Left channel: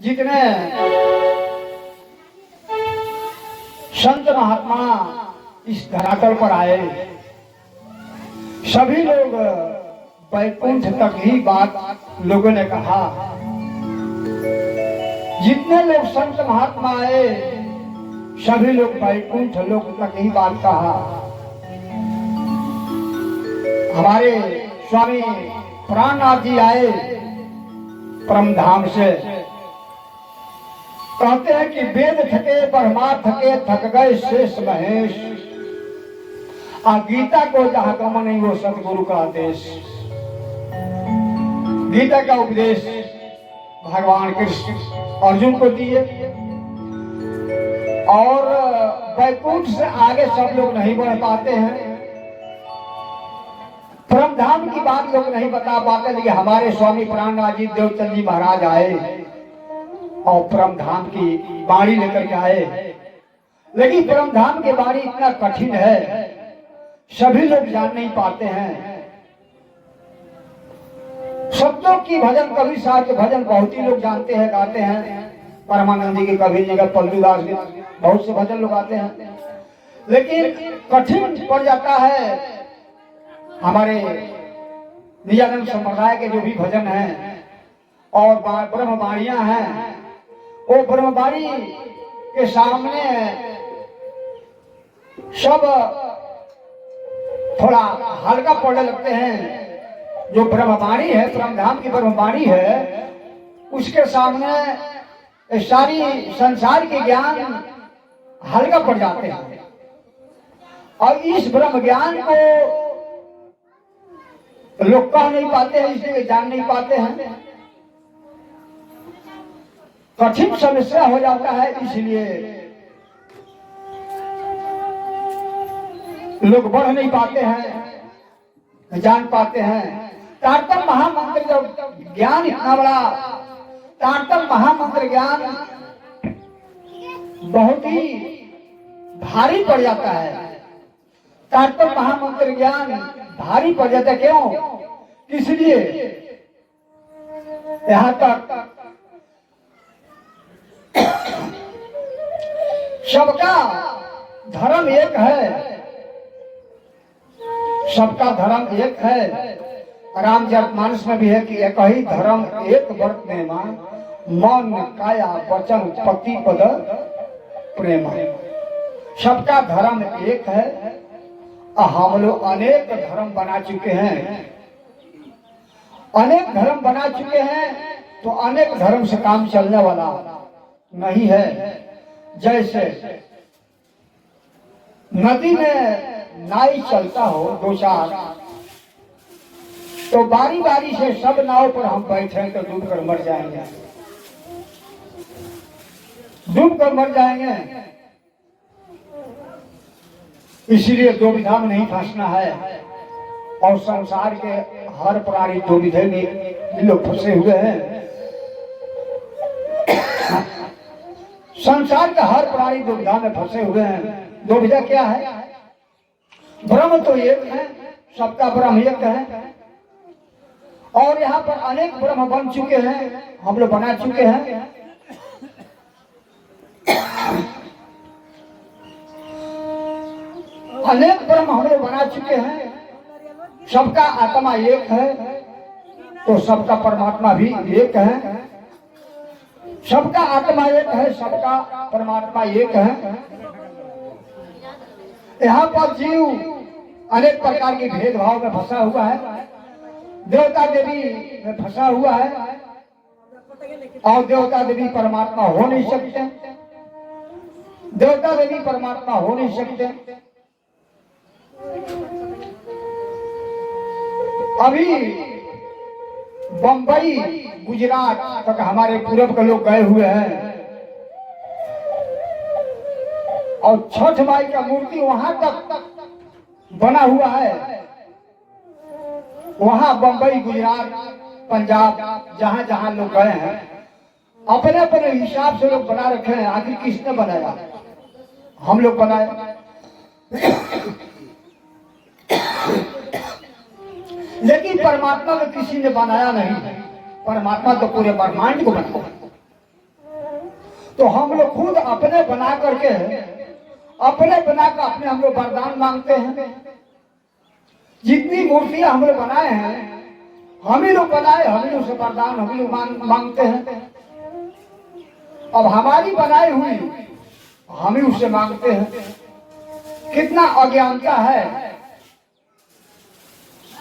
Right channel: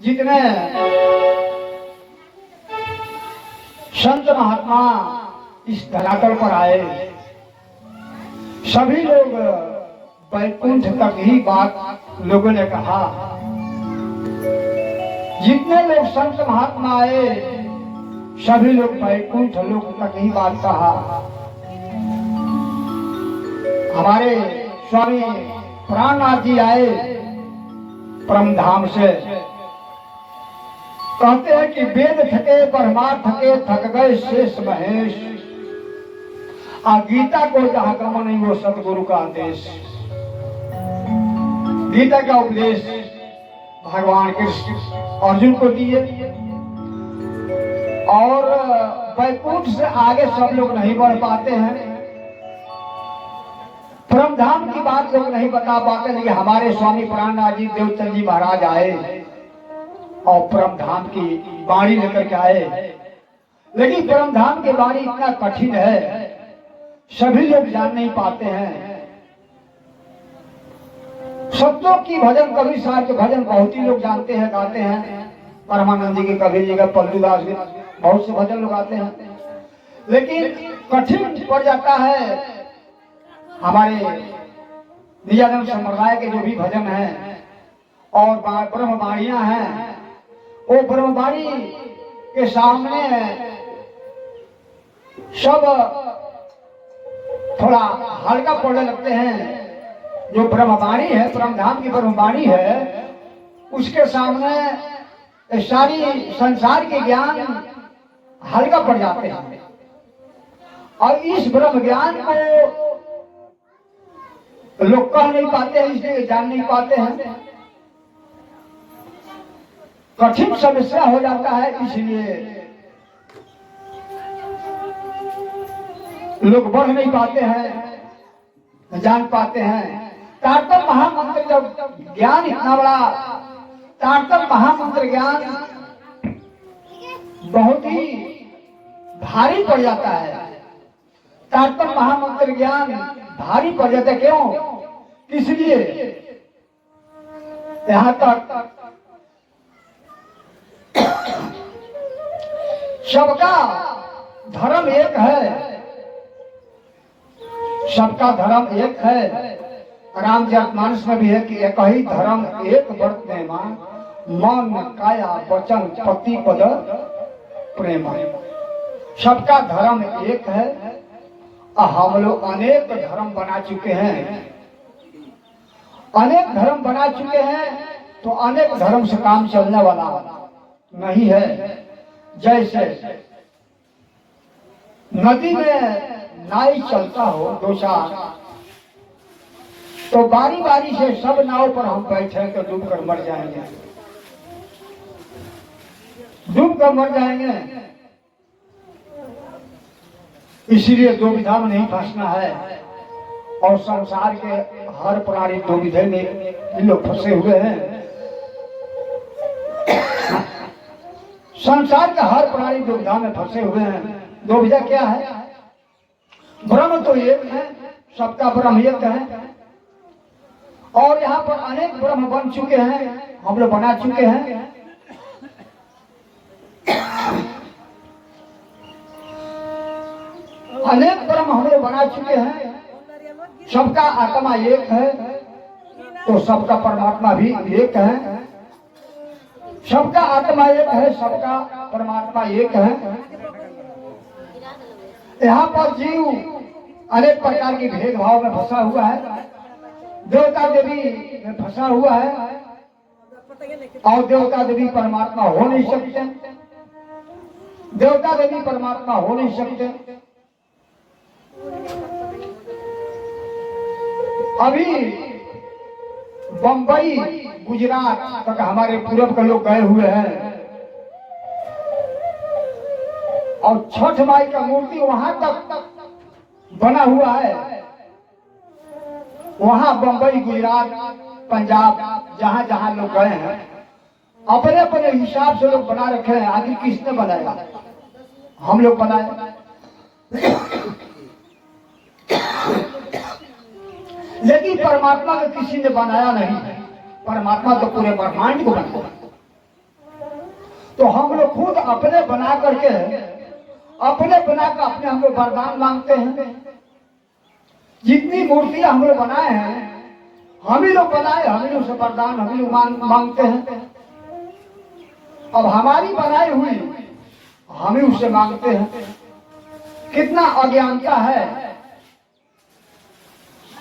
जितने संत महात्मा इस धरातल पर आए सभी लोग वैकुंठ तक ही बात लोगों ने कहा। जितने लोग संत महात्मा आए सभी लोग वैकुंठ लोक तक ही बात कहा। हमारे स्वामी प्राणनाथ जी आए परमधाम से, कहते हैं कि वेद थके ब्रह्मा थके थक गए शेष महेश, आ गीता को जहां क्रम नहीं वो सतगुरु का आदेश। गीता का उपदेश भगवान कृष्ण अर्जुन को दिए और वैकुंठ से आगे सब लोग नहीं बढ़ पाते हैं। परमधाम की बात लोग नहीं बता पाते, लेकिन हमारे स्वामी प्राणनाथ जी देवचंद जी महाराज आए और परमधाम की वाणी लेकर के आए। लेकिन परमधाम की वाणी इतना कठिन है सभी लोग जान नहीं पाते हैं। शब्दों की भजन कवि साहब के भजन बहुत ही लोग जानते हैं, गाते हैं। परमानंद जी के कबीर जी का पल्लूदास के बहुत से भजन लोग गाते हैं, लेकिन कठिन पड़ जाता है। हमारे निजानंद संप्रदाय के जो भी भजन हैं और ब्रह्मवाणियां हैं, वो ब्रह्मवाणी के सामने सब थोड़ा हल्का पड़ने लगते हैं। जो ब्रह्मवाणी है, परमधाम की ब्रह्मवाणी है, उसके सामने सारी संसार के ज्ञान हल्का पड़ जाते हैं। और इस ब्रह्म ज्ञान को लोग कह नहीं पाते हैं, इसलिए जान नहीं पाते हैं। कठिन समस्या हो जाता है, इसलिए लोग बढ़ नहीं पाते हैं, जान पाते हैं। तारतम महामंत्र जब ज्ञान इतना बड़ा, तारतम महामंत्र ज्ञान बहुत ही भारी पड़ जाता है। तारतम महामंत्र ज्ञान भारी पड़ जाता है। क्यों? इसलिए यहां तक सबका धर्म एक है, सबका धर्म एक है। रामचरितमानस में भी है कि एक ही धर्म एक व्रत नेमा, मन काया वचन पति पद प्रेमा। सबका धर्म एक है। हम लोग अनेक धर्म बना चुके हैं, अनेक धर्म बना चुके हैं, तो अनेक धर्म से काम चलने वाला नहीं है। जैसे नदी में नाई चलता हो दो चार, तो बारी बारी से सब नाव पर हम बैठे तो डूब कर मर जाएंगे, डूब कर मर जाएंगे। इसीलिए दो विधा में नहीं फंसना है। और संसार के हर प्राणी दो विधे में लोग फंसे हुए हैं। संसार के हर प्राणी दो विधा में फंसे हुए हैं। दो विधा क्या है? ब्रह्म तो एक है, सबका ब्रह्म एक है। और यहाँ पर अनेक ब्रह्म बन चुके हैं, हम लोग बना चुके हैं। अनेक ब्रह्म हम लोग बना चुके हैं। सबका आत्मा एक है, तो सबका परमात्मा भी एक है। सबका आत्मा एक है, सबका परमात्मा एक है। यहाँ पर जीव अनेक प्रकार के भेदभाव में फंसा हुआ है। देवता देवी में फंसा हुआ है, और देवता देवी परमात्मा हो नहीं सकते। देवता देवी परमात्मा हो नहीं सकते। अभी बंबई गुजरात तक हमारे पूर्व के लोग गए हुए हैं, और छठ माई का मूर्ति वहां तक बना हुआ है। वहां बंबई गुजरात पंजाब जहां जहां लोग गए हैं, अपने अपने हिसाब से लोग बना रखे हैं। आखिर किसने बनाया? हम लोग बनाए। लेकिन परमात्मा को किसी ने बनाया नहीं। परमात्मा तो पूरे ब्रह्मांड को बनाया। तो हम लोग खुद अपने बना करके अपने हम लोग वरदान मांगते हैं। जितनी मूर्तियां हम लोग बनाए हैं हम ही लोग बनाए, हम ही लोग से वरदान हम ही लोग मांगते हैं। अब हमारी बनाई हुई हम ही उससे मांगते हैं। कितना अज्ञानता है।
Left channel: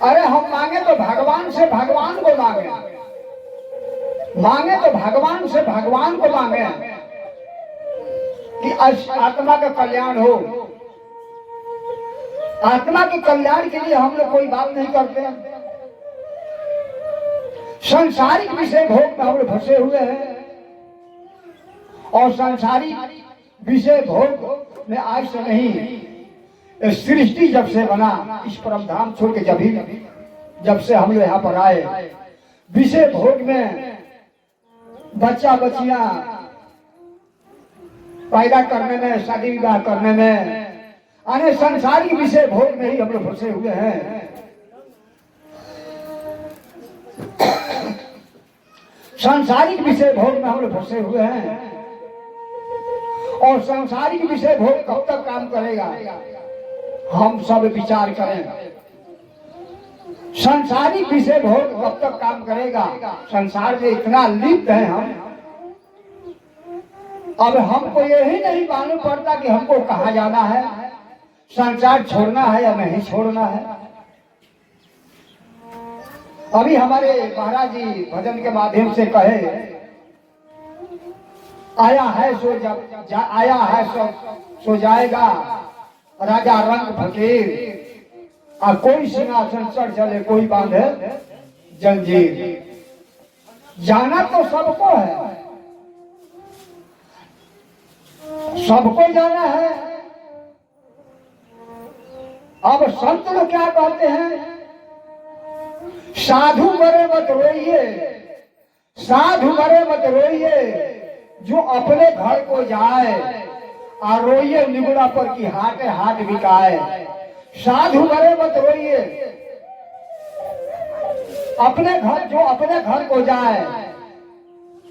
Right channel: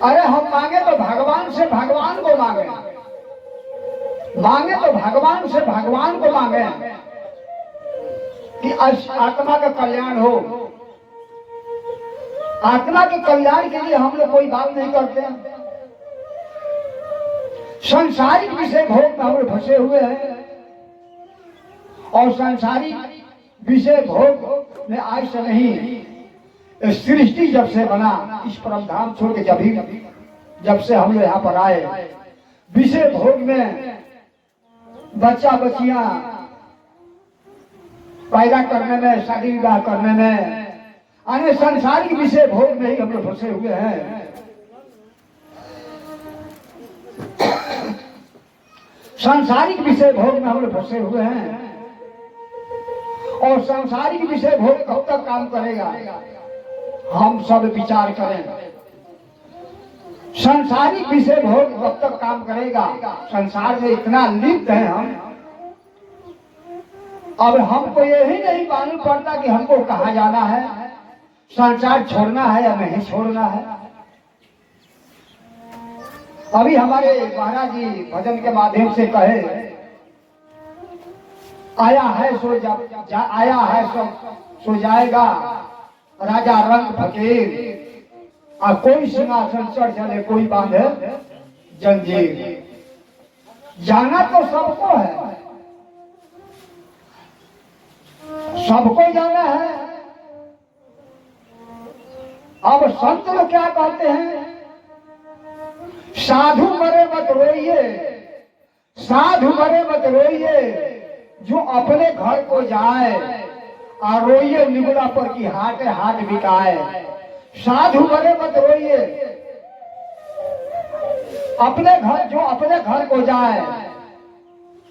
अरे हम मांगे तो भगवान से भगवान को मांगे, मांगे तो भगवान से भगवान को मांगे कि आत्मा का कल्याण हो। आत्मा के कल्याण के लिए हम लोग कोई बात नहीं करते हैं। सांसारिक विषय भोग में हम लोग फंसे हुए हैं और सांसारिक विषय भोग में आज से नहीं, सृष्टि जब से बना इस परम धाम छोड़ के जब से हम लोग यहाँ पर आए, विषय भोग में बच्चा बच्चियां पैदा करने में, शादी विवाह करने में, अन्य सांसारिक विषय भोग में ही हम लोग फंसे हुए हैं। सांसारिक विषय भोग में हम लोग फंसे हुए हैं और सांसारिक विषय भोग कब तक काम करेगा, हम सब विचार करें। सांसारिक विषय भोग कब तक काम करेगा? संसार में इतना लिप्त है हम, अब हमको यही नहीं मालूम पड़ता कि हमको कहाँ जाना है, संसार छोड़ना है या नहीं छोड़ना है। अभी हमारे महाराज जी भजन के माध्यम से कहे, आया है सो जाएगा राजा रंग फकीर, और कोई सिंहासन चढ़ चले कोई बांधे जंजीर। जाना तो सबको है, सबको जाना है। अब संत लोग क्या कहते हैं? साधु मरे मत रोइए, साधु मरे मत रोइए, जो अपने घर को जाए और रोइए निगुला पर की हाट हाट बिकाए। साधु मरे मत रोइए, अपने घर, जो अपने घर को जाए,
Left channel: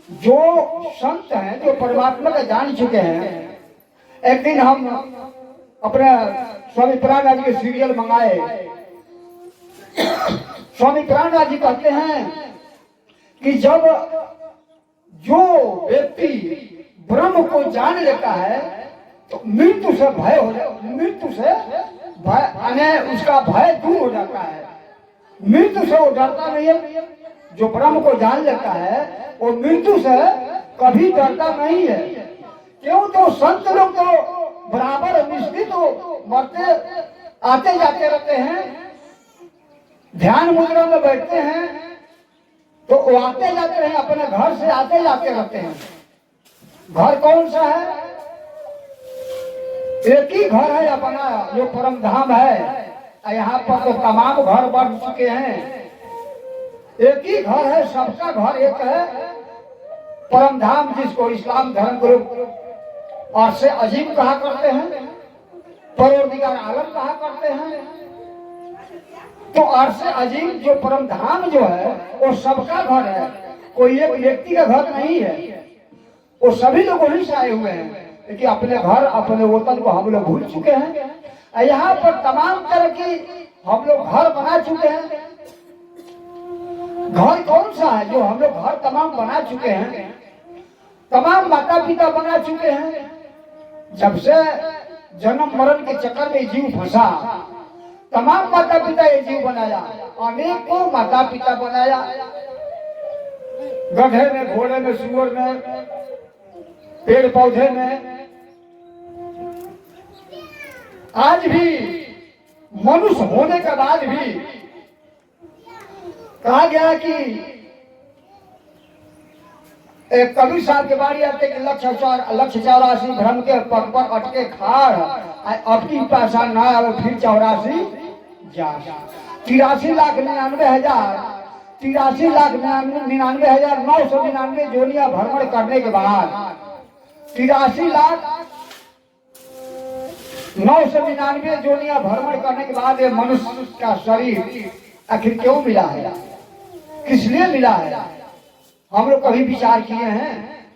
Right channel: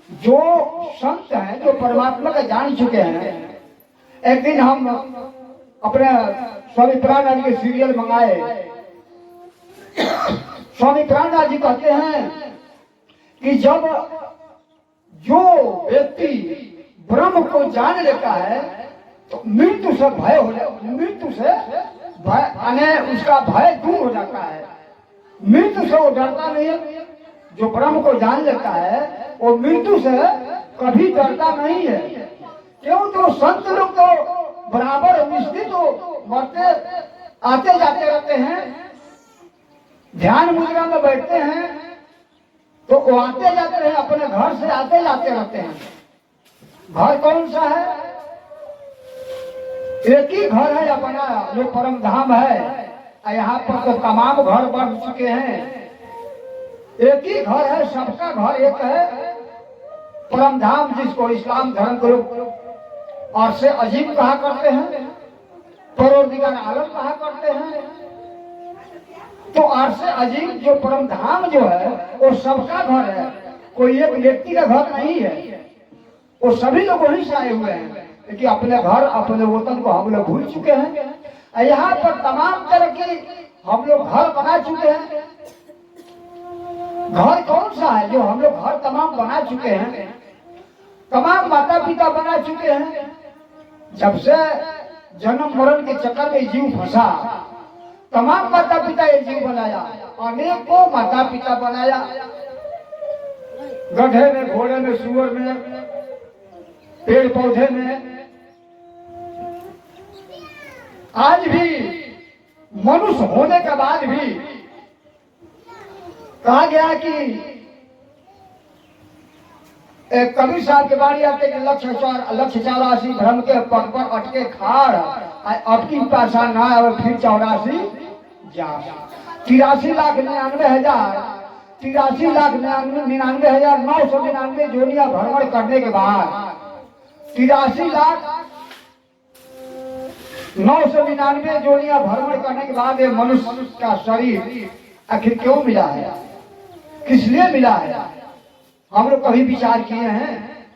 जो संत हैं, जो परमात्मा का जान चुके हैं। एक दिन हम अपने स्वामी प्राणनाथ के सीरियल मंगाए। स्वामी प्राणनाथ जी कहते हैं कि जब जो व्यक्ति ब्रह्म को जान लेता है तो मृत्यु से भय हो जाता, मृत्यु से भय, उसका भय दूर हो जाता है। मृत्यु से वो डरता नहीं है। जो ब्रह्म को जान लेता है वो मृत्यु से कभी डरता नहीं है। क्यों? तो संत लोग तो बराबर निश्चित मरते आते जाते रहते हैं, ध्यान मुद्रा में बैठते हैं तो वो आते जाते हैं, अपने घर से आते जाते रहते हैं। घर कौन सा है? एक ही घर है अपना, जो परम धाम है। यहाँ पर तो तमाम घर बन चुके हैं, एक ही घर है, सबका घर एक है। परम धाम जिसको इस्लाम धर्म ग्रुप और से अजीब कहा करते हैं, परवरदिगार आलम कहा करते हैं। तो अर्श अजीम जो परम धाम जो है वो सबका घर है, कोई एक व्यक्ति का घर नहीं है। वो सभी लोग वहीं से आए हुए हैं, लेकिन अपने घर अपने वतन को हम लोग भूल चुके हैं। यहाँ पर तमाम तरह की हम लोग घर बना चुके हैं। घर कौन सा है जो हम लोग घर तमाम बना चुके हैं? तमाम माता पिता बना चुके हैं। जब से जन्म मरण के चक्कर में जीव फंसा, तमाम माता पिता ये जीव बनाया, अनेकों माता पिता बनाया। गधे में, घोड़े में, सुअर में, पेड़ पौधे में। आज भी मनुष्य होने के बाद भी कहा गया कि एक कबीर साहब के बारी आते कि लक्ष्य 84 भ्रम के पग पर अटके खाड़, अब की पैसा ना आवे फिर 84 जा। 83,99,999 जोनिया भ्रमण करने के बाद 83,999 जोनिया भ्रमण करने के बाद ये मनुष्य का शरीर आखिर क्यों मिला है, किस लिए मिला है? हम लोग कभी विचार किए हैं?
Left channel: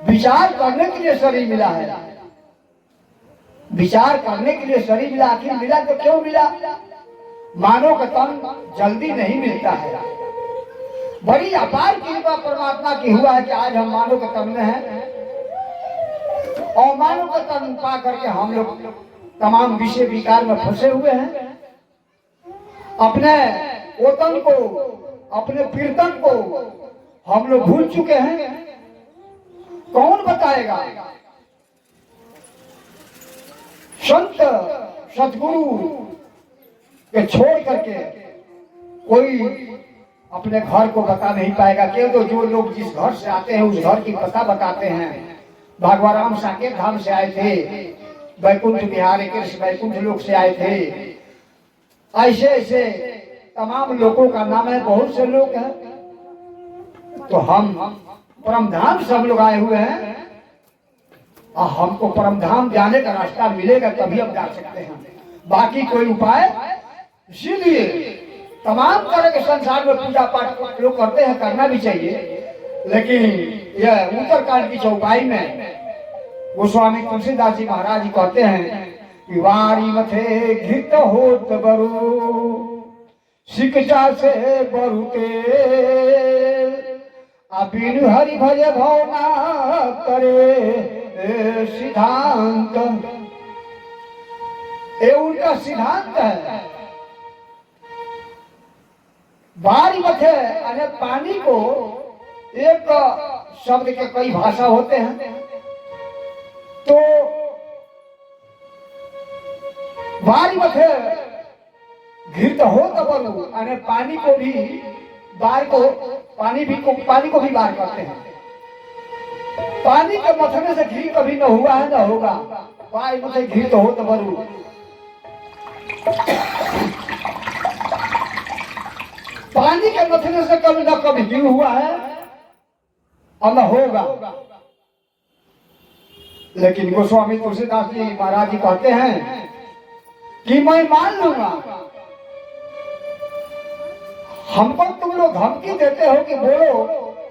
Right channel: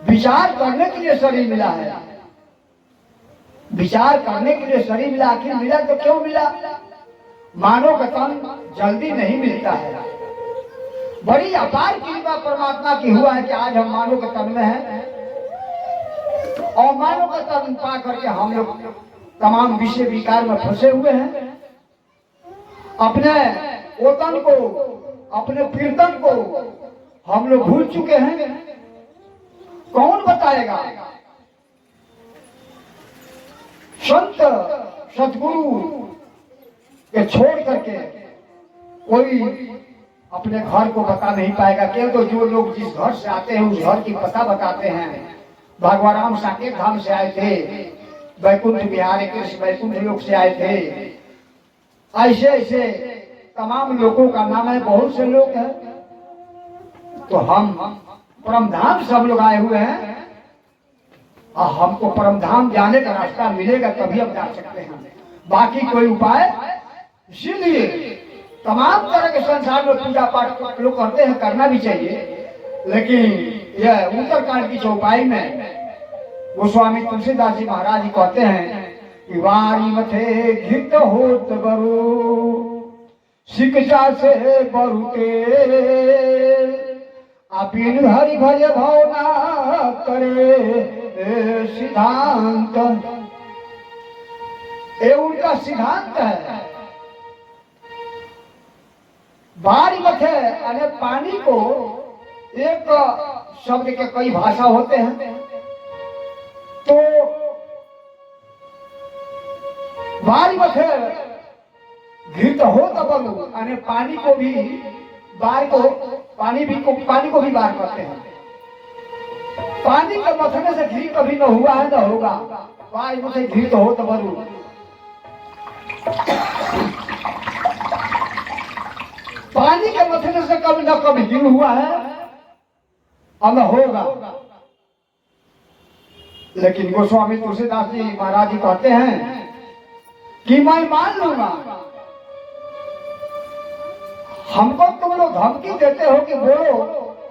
विचार करने के लिए शरीर मिला है, विचार करने के लिए शरीर मिला। आखिर मिला तो क्यों मिला? मानव का तन जल्दी नहीं मिलता है। बड़ी अपार कृपा परमात्मा की हुआ है कि आज हम मानव के तन में हैं और मानव का तन पा करके हम लोग तमाम विषय विकार में फंसे हुए हैं। अपने ओतन को, अपने कीर्तन को हम लोग भूल चुके हैं। कौन बताएगा? संत सतगुरु के छोड़ करके कोई अपने घर को बता नहीं पाएगा। केवल तो जो लोग जिस घर से आते हैं उस घर की पता बताते हैं। भगवान राम साकेत धाम से आए थे, वैकुंठ बिहारी कृष्ण वैकुंठ लोक से आए थे। ऐसे ऐसे तमाम लोगों का नाम है, बहुत से लोग हैं। तो हम परम धाम से हम लोग आए हुए हैं और हमको परम धाम जाने का रास्ता मिलेगा तभी हम जा सकते हैं, बाकी कोई उपाय। इसीलिए तमाम तरह के संसार में पूजा पाठ लोग करते हैं, करना भी चाहिए। लेकिन यह उत्तरकांड की चौपाई में गोस्वामी तुलसीदास जी महाराज जी कहते हैं कि वारी मथे घृत होत बरु शिक्षा से बरुते बिनु हरि भज भवना करे सिद्धांत। ये उनका सिद्धांत है। बारी मथे अने पानी को एक शब्द के कई भाषा होते हैं। तो बारी मथे घृत हो तबलु अने पानी को भी बार को पानी को भी बार करते हैं। पानी के मथने से घी कभी न हुआ है न होगा। बारी मथे घृत हो तबलु, पानी के मथने से कभी न कभी घी हुआ है और न होगा। लेकिन गोस्वामी तुलसीदास जी महाराज जी कहते हैं कि मैं मान लूंगा। हमको तुम लोग धमकी देते हो कि बोलो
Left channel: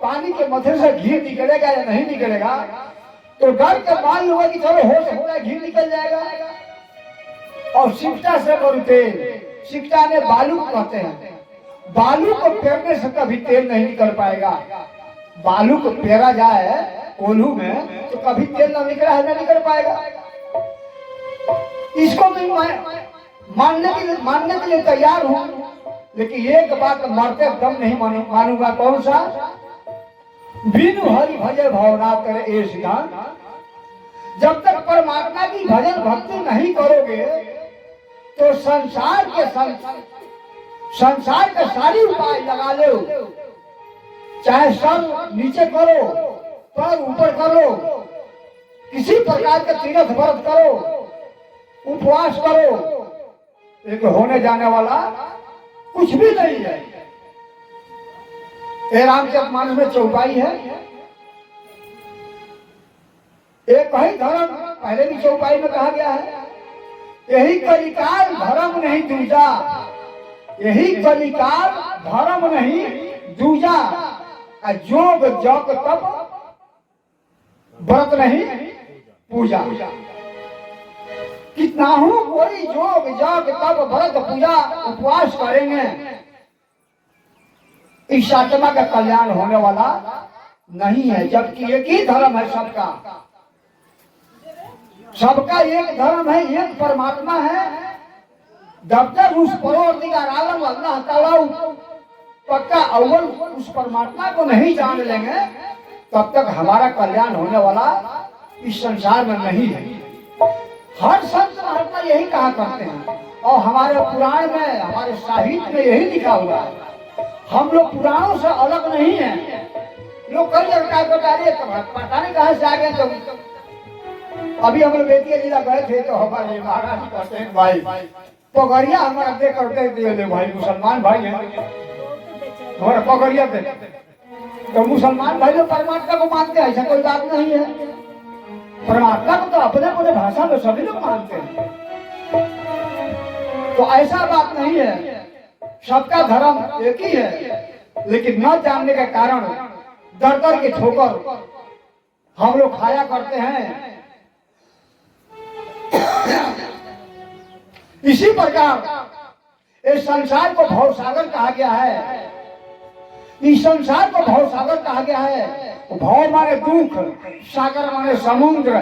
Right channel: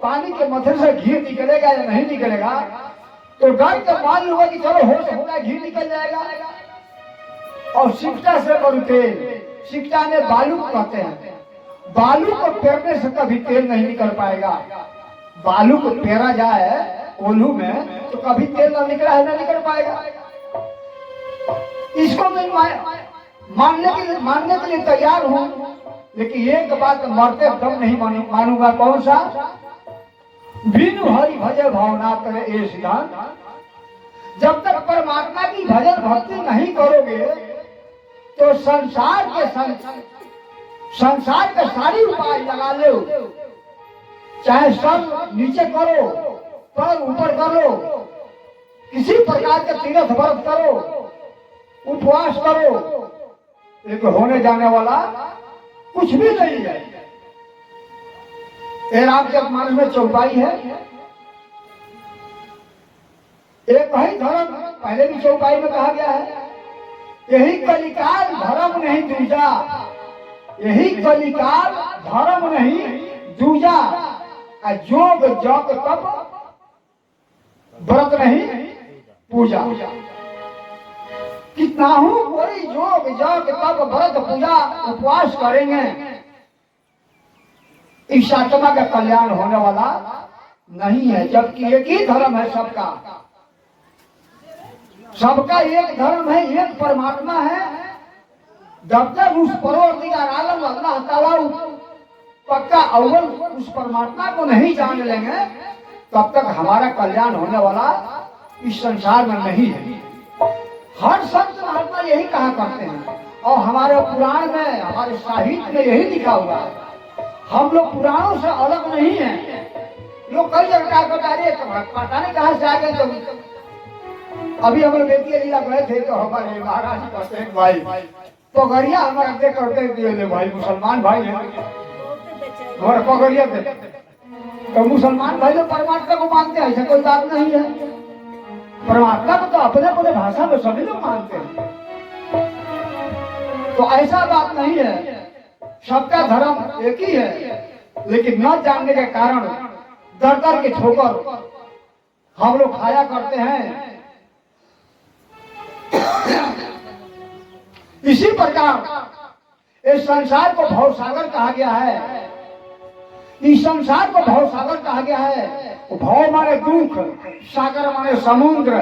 पानी के मथे से घी निकलेगा या नहीं निकलेगा, तो डर के मान लूंगा कि चलो हो सकता है घी निकल जाएगा। और शिक्षा से और तेल, शिक्षा ने बालू कहते हैं। बालू को पेरने से कभी तेल नहीं निकल पाएगा। बालू को पेरा जाए कोल्हू में तो कभी तेल न निकला है, न निकल पाएगा। इसको मैं मानने के लिए तैयार हूं, लेकिन एक बात मरते दम नहीं मानूंगा। कौन सा? बिनु हरि भजन भावना करे ये सिद्धांत। जब तक परमात्मा की भजन भक्ति नहीं करोगे तो संसार के सारी उपाय लगा लो, चाहे सर नीचे करो, पैर ऊपर करो, किसी प्रकार के तीर्थ व्रत करो, उपवास करो, लेकिन होने जाने वाला कुछ भी नहीं है। रामचरितमानस में चौपाई है। एक ही धर्म, पहले भी चौपाई में कहा गया है, यही कलिकाल धर्म नहीं दूजा, यही कलिकाल धर्म नहीं दूजा, जोग जप तप व्रत नहीं पूजा। कितना हूं कोई जोग जप तप व्रत पूजा उपवास करेंगे, इस आत्मा का कल्याण होने वाला नहीं है। जबकि एक ही धर्म है सबका, सबका एक धर्म है, एक परमात्मा है। जब तक उस परवरदिगार आलम अल्लाह ताला पक्का अव्वल उस परमात्मा को नहीं जान लेंगे, तब तक हमारा कल्याण होने वाला इस संसार में नहीं है। हर संत महात्मा यही कहा करते हैं और हमारे पुराण में, हमारे साहित्य में यही लिखा हुआ है। हम लोग पुराणों से अलग नहीं हैं। लोग कई जगह पता नहीं कहां से आ गए। तो अभी हम बेतिया जिला गए थे तो हमारे महाराज कहते हैं भाई पगड़िया हमारा दे करते दिए भाई, मुसलमान भाई हैं हमारे पगड़िया दे। तो मुसलमान भाई लोग परमात्मा को मानते हैं, ऐसा कोई बात नहीं है। परमात्मा को तो अपने अपने भाषा में सभी लोग मानते हैं, तो ऐसा बात नहीं है। सबका धर्म एक ही है, लेकिन न जानने के कारण दर दर की ठोकर हम लोग खाया करते हैं। इसी प्रकार इस संसार को भवसागर कहा गया है। इस संसार को भवसागर कहा गया है। भव माने दुख, सागर माने समुद्र।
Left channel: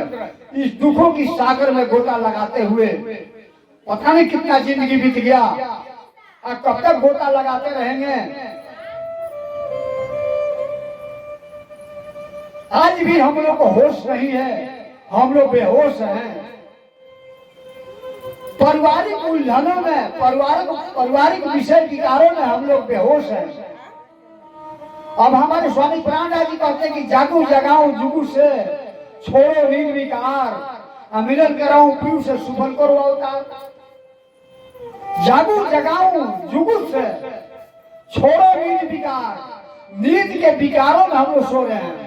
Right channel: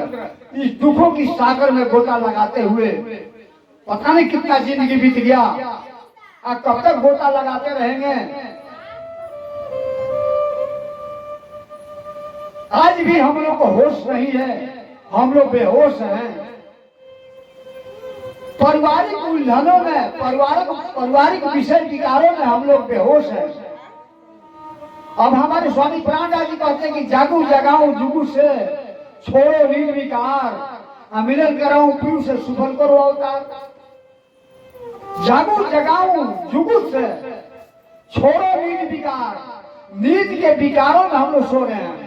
इस दुखों की सागर में गोता लगाते हुए पता नहीं कितना जिंदगी बीत गया, और कब तक गोता लगाते रहेंगे। आज भी हम लोग को होश नहीं है, हम लोग बेहोश हैं। पारिवारिक उलझनों में, पारिवारिक विषय विकारों में हम लोग बेहोश हैं। अब हमारे स्वामी प्राणदास जी कहते हैं कि जागू जगाऊं जुगू से, छोड़ो नींद विकार, मिलन कराऊं पीऊ से, सुफल करो अवतार। जागू जगाऊं जुगू से, छोड़ो नींद विकार। नींद के विकारों में हम लोग सो रहे हैं।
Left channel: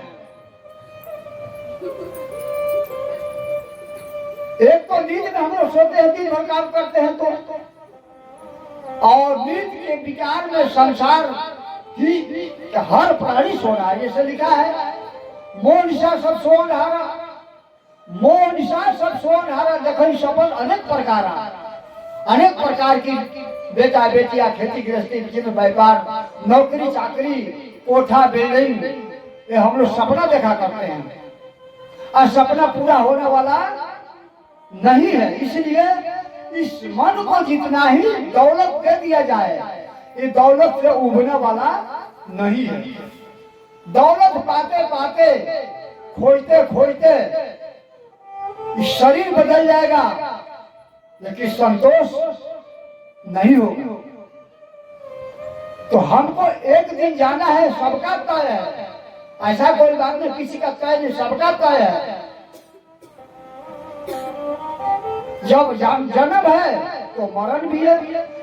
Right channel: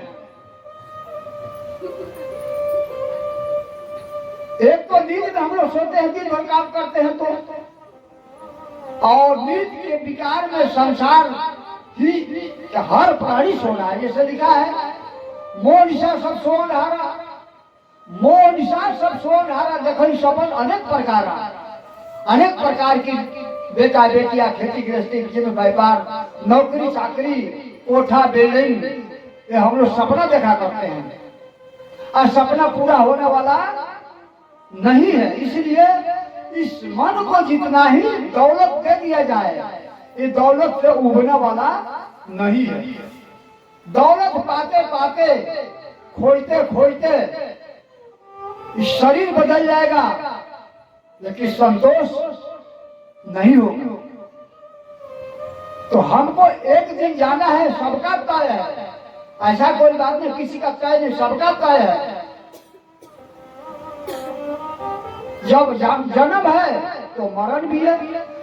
एक तो नींद में हम लोग सोते हैं, दिन भर काम करते हैं तो, और नींद के विकार में संसार की हर प्राणी सो रहा है। जैसे लिखा है, मोह निशा सब सो नहारा, मोह निशा सब सो नहारा, देखो सपन अनेक प्रकार, अनेक प्रकार की बेटा बेटियां, खेती गृहस्थी में व्यापार, नौकरी चाकरी, कोठा बिल्डिंग, ये हम लोग सपना देखा करते हैं, और सपना पूरा होने वाला नहीं है। इसलिए इस मन को जितना ही दौलत दे दिया जाए, ये दौलत से उबरने वाला नहीं है। दौलत पाते पाते, खोजते खोजते शरीर बदल जाएगा, लेकिन संतोष नहीं होगा। तो हमको एक दिन जाना है, सबका तय है। ऐसा कोई बात नहीं किसी का तय नहीं, सबका तय है। जब जन्म है तो मरण भी है,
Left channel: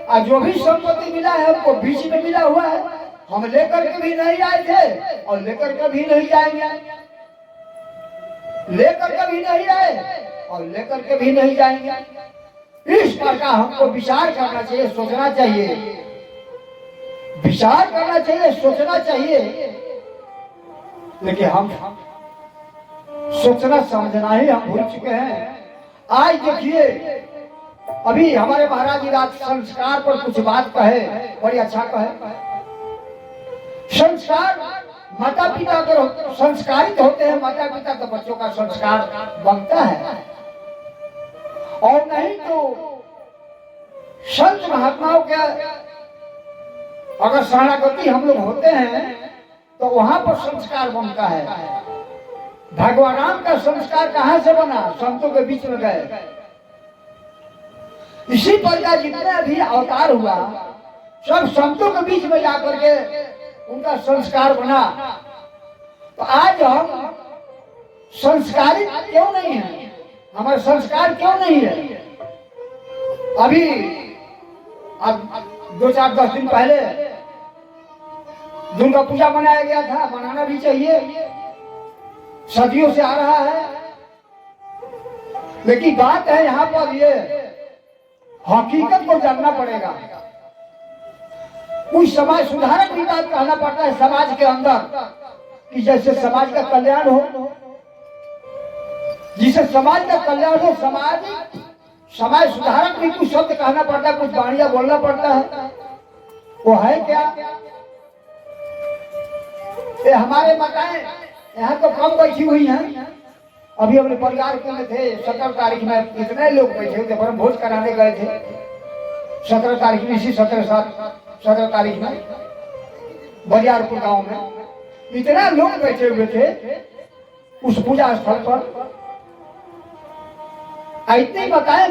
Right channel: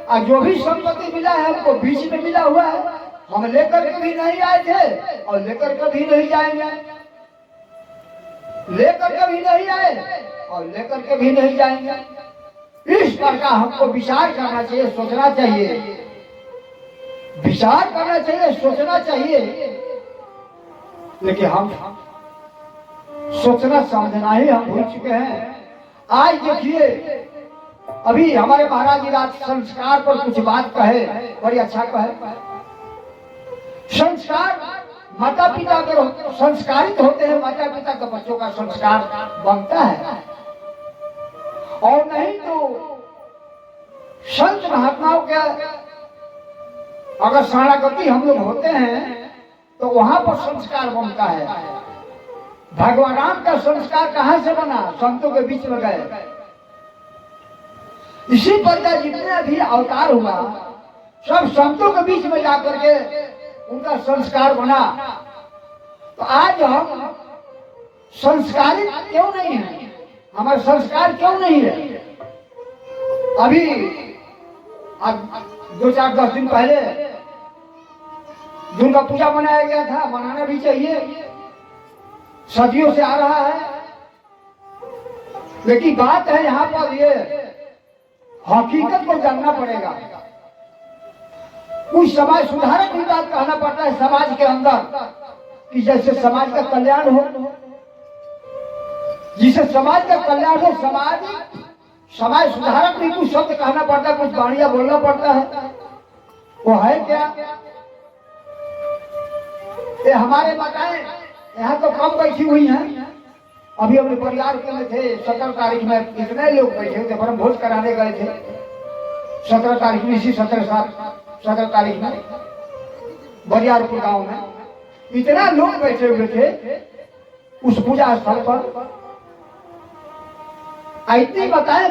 और जो भी संपत्ति मिला है हमको बीच में मिला हुआ है। हम लेकर के भी नहीं आए थे और लेकर के भी नहीं जाएंगे, लेकर के भी नहीं आए और लेकर के भी नहीं जाएंगे। इस प्रकार हमको विचार करना चाहिए, सोचना चाहिए, विचार करना चाहिए, सोचना चाहिए। लेकिन हम सोचना समझना ही हम भूल चुके हैं। आज देखिए, अभी हमारे महाराज जी राज संस्कार पर कुछ बात कहे, बड़ी अच्छा कहे। संस्कार, माता पिता अगर संस्कारित होते हैं माता पिता, तो बच्चों का संस्कार बनता है, और नहीं तो संत महात्माओं के अगर शरणागति हम लोग होते हैं तो वहां पर संस्कार बनता है। भगवान राम का संस्कार कहां से बना? संतों के बीच में गए। इसी प्रकार जितने भी अवतार हुआ, सब संतों के बीच में जाकर के उनका संस्कार बना। तो आज हम संस्कारित क्यों नहीं है? हमारा संस्कार क्यों नहीं है? अभी आज 2-4-10 दिन पहले दुर्गा पूजा मनाया गया था, मनाना भी चाहिए, सदियों से आ रहा है। लेकिन बात है यहाँ पर ये हकीकत को जानना पड़ेगा। कुछ समाज सुधारक भी बात कहना पड़ता है समाज के अंदर, कि जैसे समाज का कल्याण हो, जिसे समाज का कल्याण हो, समाज सुधारक भी कुछ शब्द कहना पड़ता है, कुछ बढ़िया बोलना पड़ता है। वो है क्या? ये हमारे माताएं यहाँ तो कम बैठी हुई हैं। अभी अपने परिवार के में थे, 17 तारीख में इतने लोग बैठे थे, ब्रह्म भोज कराने गए थे 17 तारीख में, इसी 17 तारीख में बरियारपुर गांव में इतना लोग बैठे हुए थे उस पूजा स्थल पर। इतनी बताएं